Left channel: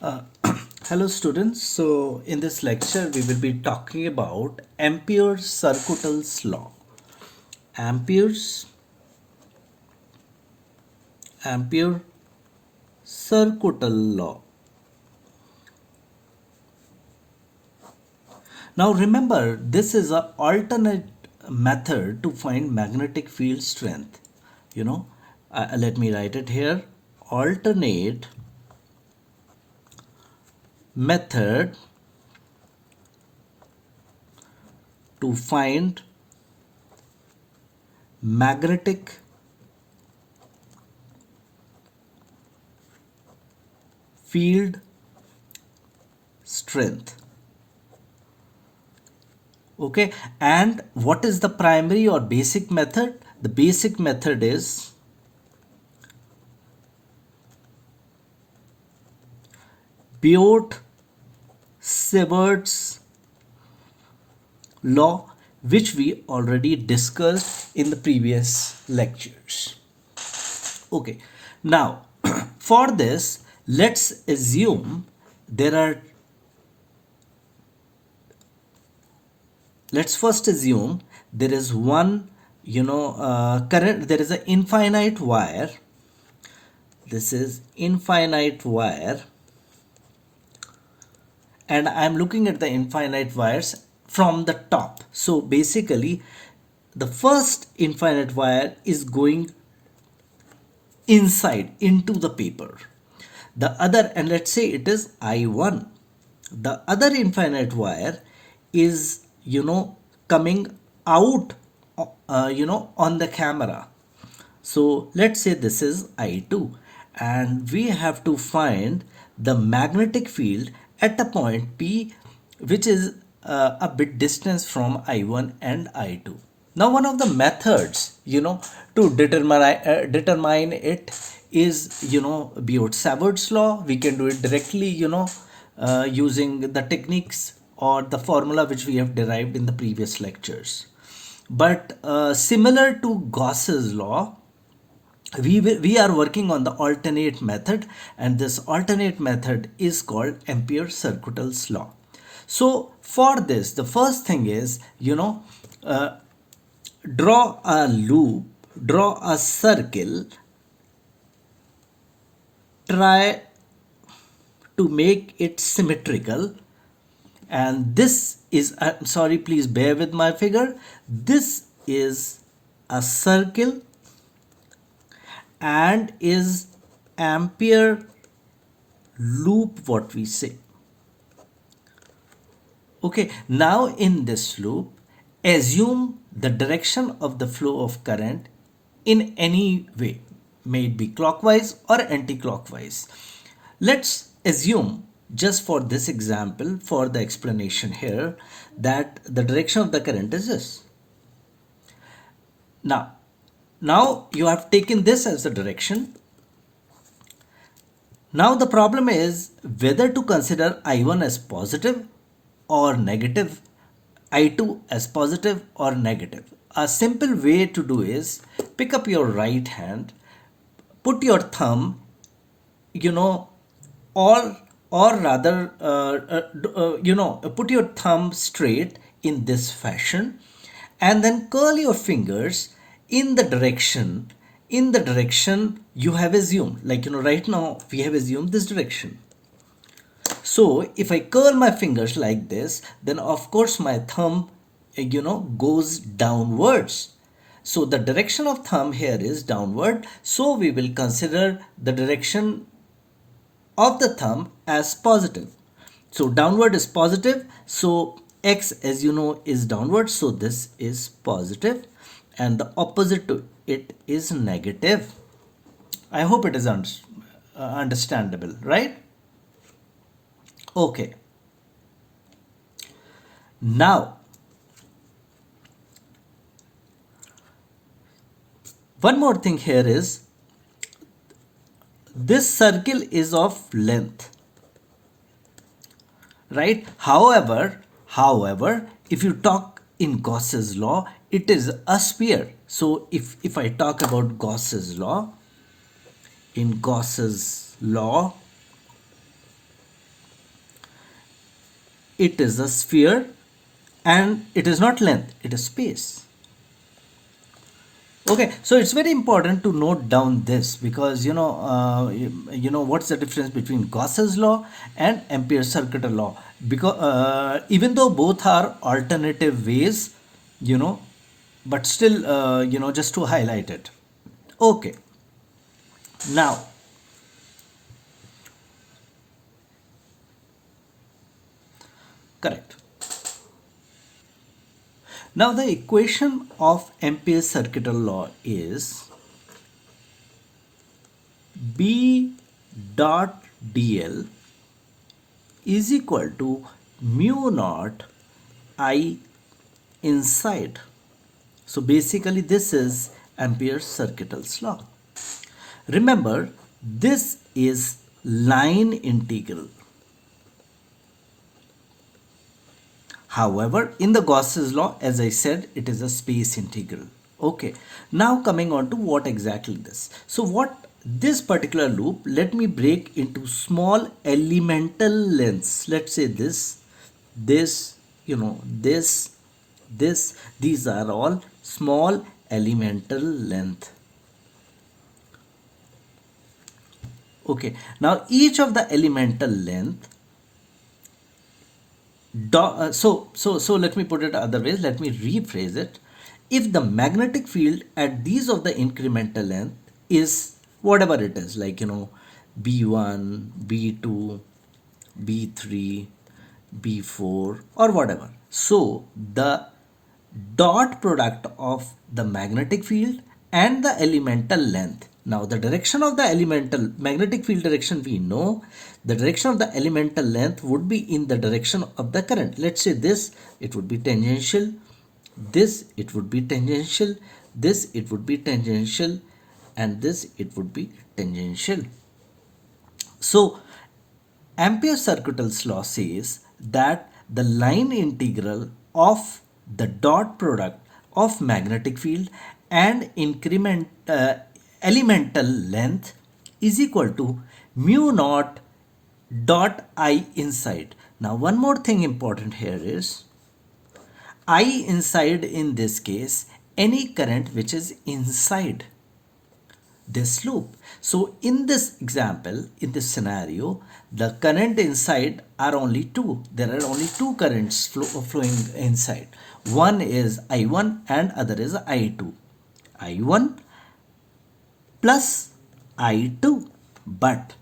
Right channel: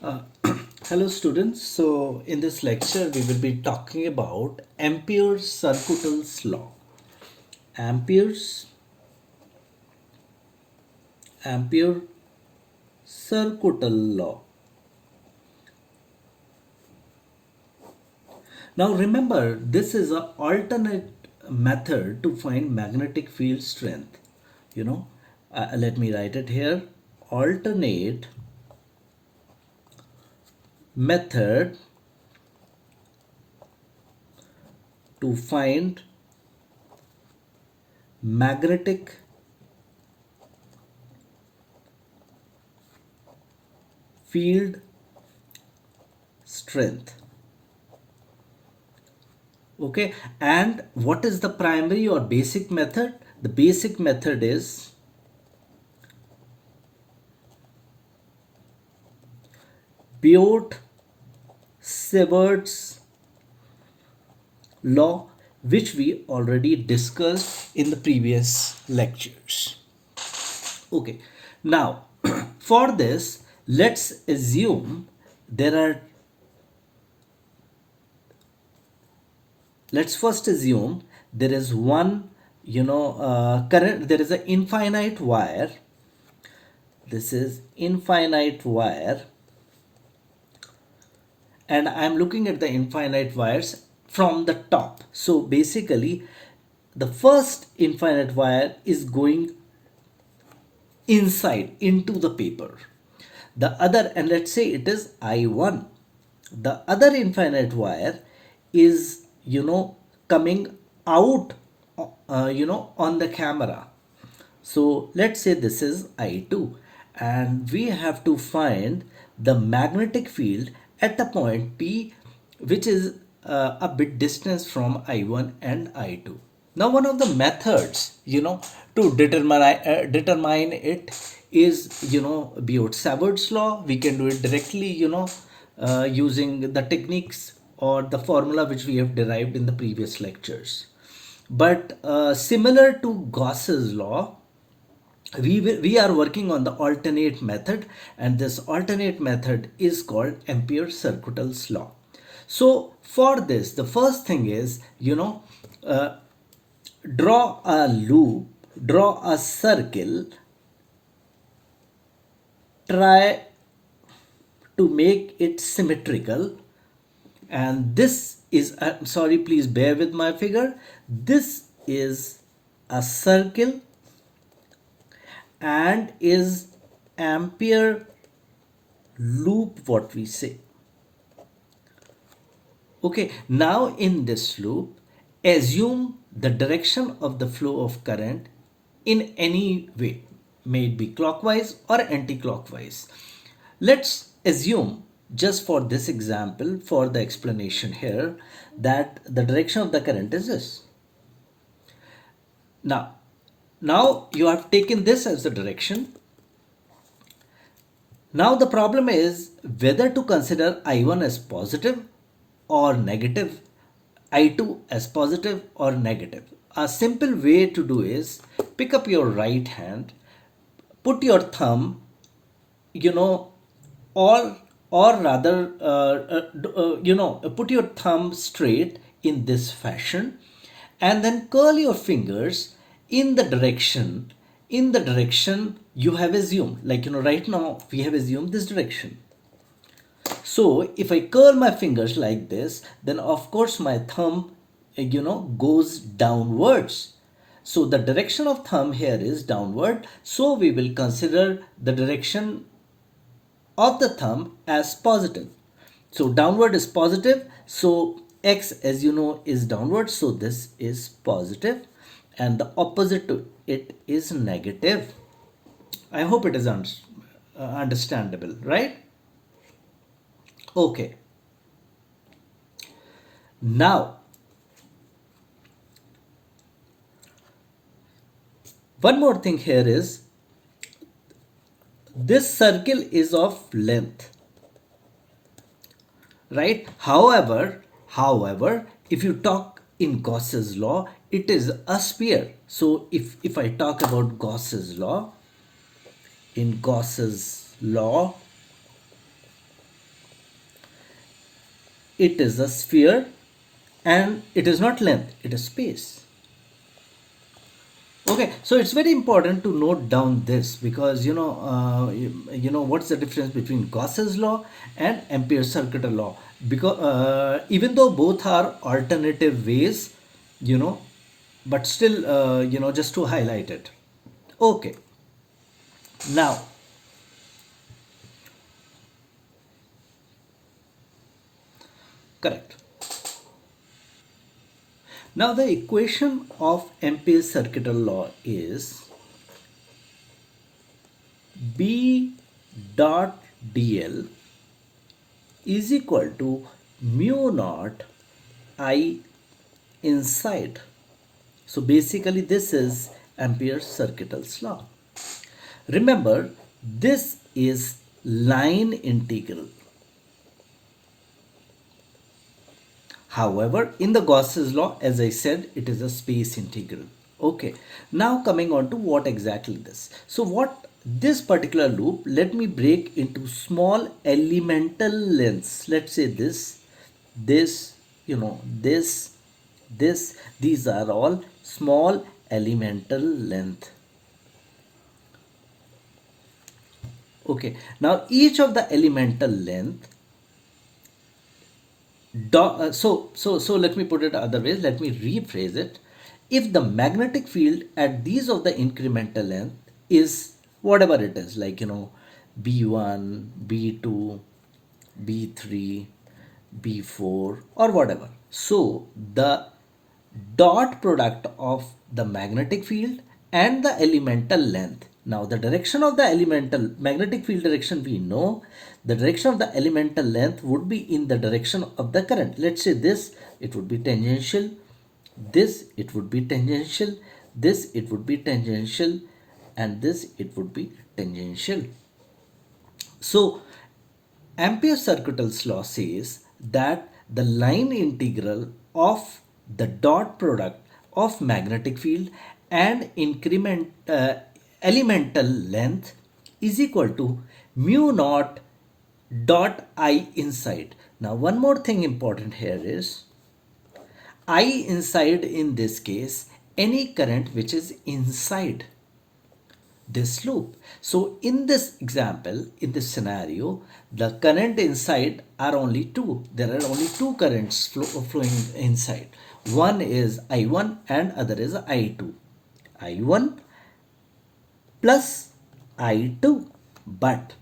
Uh, Hello students. So in this lecture we will be talking about Ampere's Circuital's law. Ampere's Ampere Circuital law. Now remember, this is an alternate method to find magnetic field strength. Let me write it here. Alternate method to find magnetic field strength. Okay, and what is the primary or basic method? The basic method is Biot-Savart's law, which we already discussed in the previous lectures. Okay, now for this, let's assume there are let's first assume there is one current. There is an infinite wire. This is infinite wire, and I'm looking at the infinite wires from the top. So basically the first infinite wire is going inside into the paper. The other, and let's say it is I1, the other infinite wire is coming out on the camera. So let's say this is I2, and we have to find the magnetic field at a point P, which is a bit distance from I1 and I2. Now, one of the methods, to determine it is, Biot-Savart's law. We can do it directly, using the techniques or the formula which we have derived in the previous lectures. But similar to Gauss's law, we are working on the alternate method, and this alternate method is called Ampere-Circuital's law. So for this, the first thing is, draw a loop, draw a circle, try to make it symmetrical. And this is, I'm sorry, please bear with my figure. This is a circle and is Ampere loop, what we say. Okay, now in this loop, assume the direction of the flow of current in any way, may it be clockwise or anti-clockwise. Let's assume, just for this example, for the explanation here, that the direction of the current is this. Now you have taken this as the direction. Now the problem is whether to consider I1 as positive or negative, I2 as positive or negative. A simple way to do is pick up your right hand, put your thumb, or rather, put your thumb straight in this fashion, and then curl your fingers in the direction you have assumed. Like, right now we have assumed this direction. So if I curl my fingers like this, then of course my thumb, goes downwards. So the direction of thumb here is downward. So we will consider the direction of the thumb as positive. So downward is positive. So X, as you know, is downward. So this is positive, and the opposite to it is negative. I hope it is understandable, right? Okay. Now, one more thing here is this circle is of length, right? However, if you talk in Gauss's law, it is a sphere. So if I talk about Gauss's law, in Gauss's law, it is a sphere and it is not length, it is space. Okay, so it's very important to note down this because you know what's the difference between Gauss's law and Ampere's circuital law. Because even though both are alternative ways, you know, but still, just to highlight it. Okay, now correct. Now the equation of Ampere's circuital law is B dot dl is equal to mu naught I inside. So basically this is Ampere's circuital law. Remember, this is line integral. However, in the Gauss's law, as I said, it is a space integral. Okay, now coming on to what exactly this. So what this particular loop, let me break into small elemental lengths. Let's say this, this, these are all small elemental length. Okay, now each of the elemental length so let me put it other ways. Let me rephrase it. If the magnetic field at these of the incremental length is whatever it is, like b1, b2, b3, b4 or whatever, so the dot product of the magnetic field and the elemental length. Now the direction of the elemental magnetic field direction we know, the direction of the elemental length would be in the direction of the current. Let's say this, it would be tangential, this it would be tangential, this it would be tangential, and this it would be tangential. So Ampere's circuital law says that the line integral of the dot product of magnetic field and elemental length is equal to mu naught dot I inside. Now one more thing important here is I inside, in this case, any current which is inside this loop. So in this example, in this scenario, the current inside are only two. There are only two currents flowing inside. One is I1 and other is I2. I1 plus I2. But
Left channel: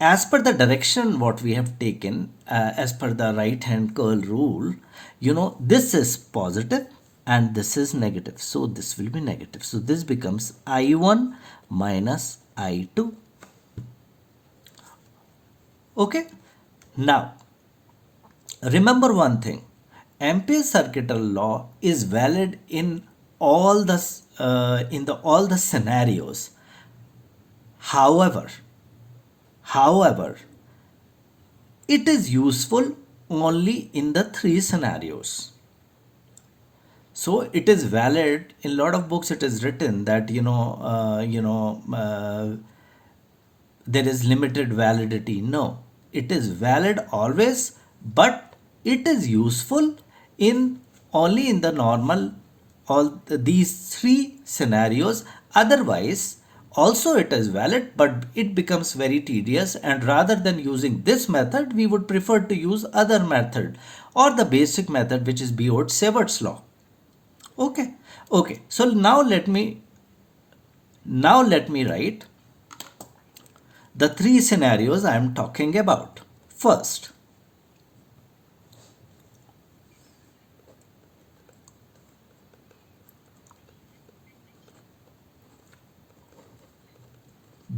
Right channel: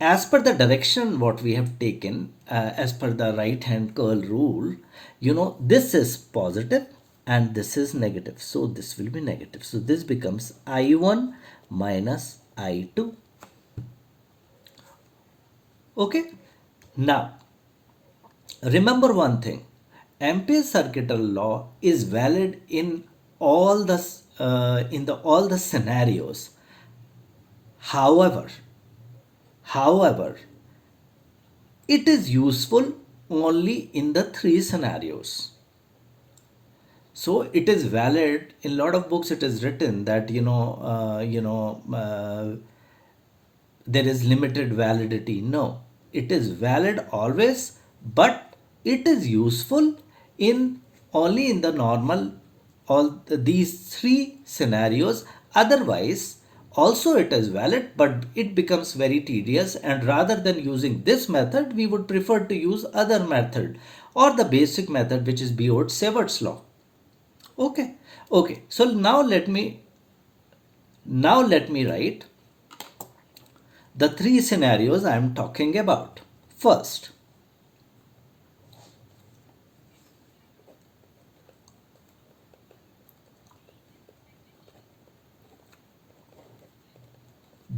as per the direction what we have taken, as per the right hand curl rule, this is positive and this is negative. So this will be negative. So this becomes I1 minus I2. Okay. Now, remember one thing. Ampere's circuital law is valid in all the scenarios. However, it is useful only in the three scenarios. So it is valid in a lot of books. It is written that there is limited validity. No, it is valid always, but it is useful in only in the normal these three scenarios. Otherwise, also it is valid, but it becomes very tedious, and rather than using this method, we would prefer to use other method or the basic method, which is Biot-Savart's law. Okay. So now let me write the three scenarios I am talking about. First,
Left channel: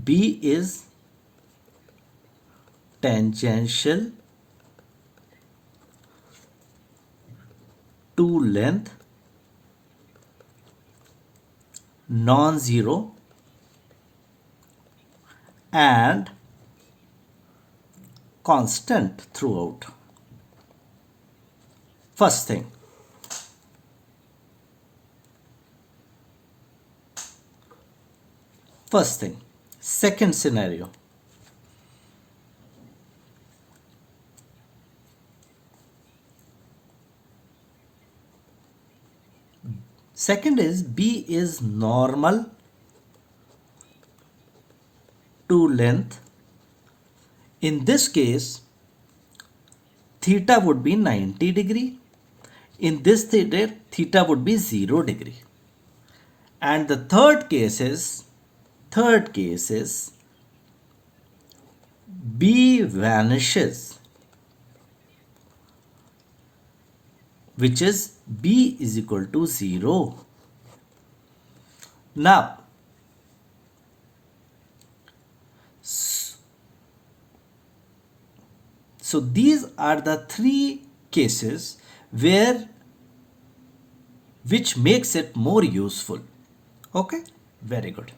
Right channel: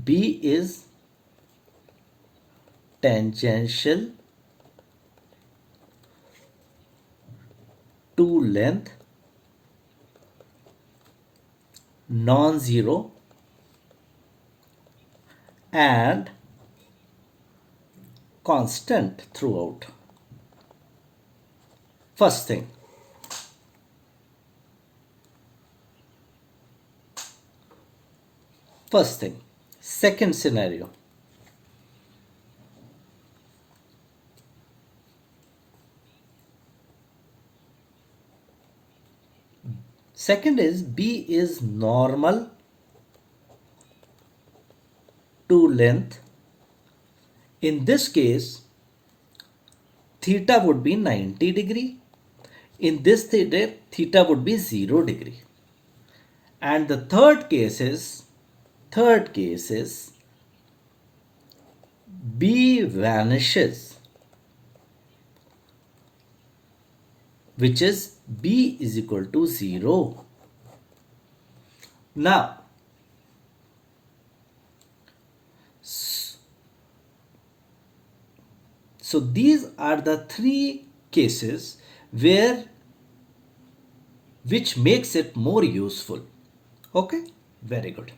B is tangential to length, non-zero, and constant throughout. First thing. Second scenario. Second is B is normal to length. In this case, theta would be 90 degree. In this theta would be 0 degree. And the third case is B vanishes, which is B is equal to 0. Now, so these are the three cases which makes it more useful. Okay, very good.